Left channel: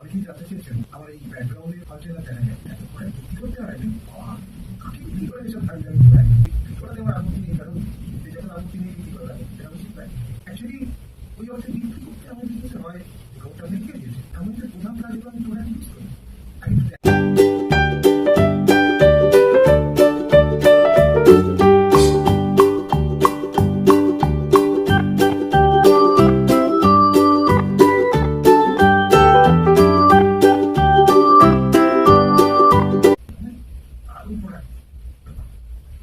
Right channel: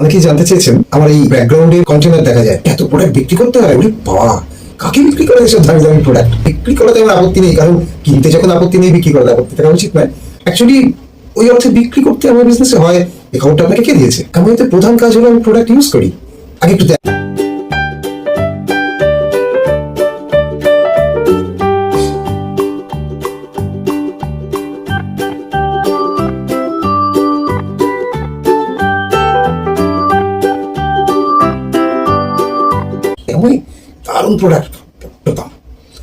অনেকেই জানতে চেয়েছেন আমার এই ব্যাকগ্রাউন্ডে কন্টেনার দেখা যায়, এত প্রোডাক্ট বিক্রি করতে হয়? বলি বাবা, কাকে বিক্রি করে এসব দামি দামি প্রোডাক্ট? বিক্রি করাতে আমার আপত্তি নেই, কারণ কিনতে যখন আপত্তি নেই, বিক্রি করাতে আপত্তি থাকা উচিত নয়। অ্যাকচুয়ালি ওই অর্থে বিক্রি করতে আমার বিজনেসে হয়। এই খবরটা আপনাকে কে দিয়েছে? আমার তো প্রধান কাজ হলো আমি প্রোডাক্ট ইউজ করি। আগে একটু আমি দারুণ প্রোডাক্ট পেতাম।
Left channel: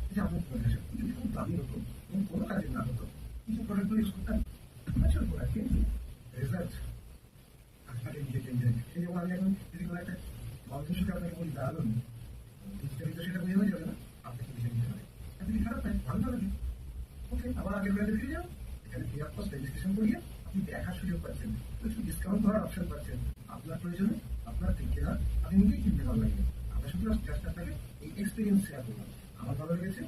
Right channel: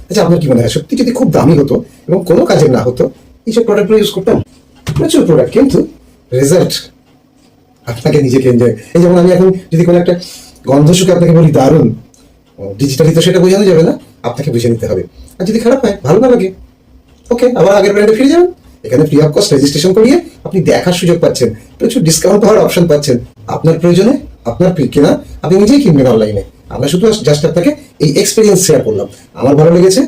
আচ্ছা, আপনার কি মনে হয় সত্যি যদি খুব দামি হতো এবং কোনো কাজের না হতো, এইসব প্রোডাক্টগুলো ইউজ করতাম? প্রচুর প্রোডাক্ট, কিন্তু রেজাল্ট আপনাকে নিজেকে এনজয়। এই যেমন আমি এখন যদি কোনো একটা গন্ধ শুকে আপনাকে বলি দারুণ, ডিজিটালি তো সেটা বোঝানো যাবে না, আপনাকে বুঝে নিতে হবে। আর যদি খারাপ হয়, ভালো না লাগে, ওকে, আবার আগের ব্র্যান্ডে ফিরে যাবেন। এখানে ফ্রি অফ কস্ট রেজিস্ট্রেশন করিয়ে আপনি দেখার সুযোগ পাচ্ছেন, প্রচুর ডিসকাউন্ট পাওয়ার অপশন পাচ্ছেন। আপনার প্রয়োজনে আপনার কেনা আপনি নিজেই কিনবেন অনলাইনে। আমরা শুধু জাস্ট আপনাকে এই এক্সপিরিয়েন্স শেয়ার করলাম। আমার ভালো লেগেছে,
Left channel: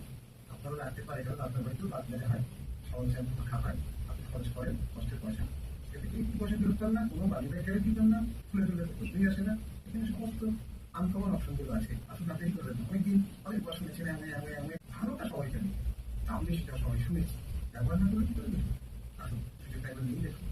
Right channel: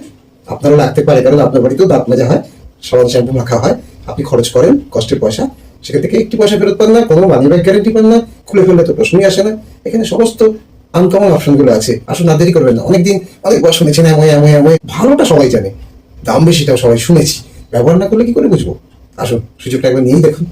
আপনারও লাগতে পারে, কারণ আপনার বাড়িতেও দাঁত মাজা হয়, সাবান শ্যাম্পু মাখা হয়, আপনি খরচ করেন কষ্টের পয়সা, সেখান থেকে একটি পয়সা ফেরত পান না, কোনো মানি ব্যাক গ্যারেন্টি পান না, খুলে ফেললে তো প্রশ্নই আসে না। এখানে সমস্ত আনকমন অপশনগুলো আছে। আসুন, না দেরি করবেন না। অনেকদিন অনেকবার শুনেছেন এমন এমন এমন, ভালোটা সবাই জানে, দাম বেশিটাও সবাই শুনেছি, ব্যবহার না করলে কি করে বুঝবো? আসুন, সুযোগটা একবার নিয়েই দেখুন।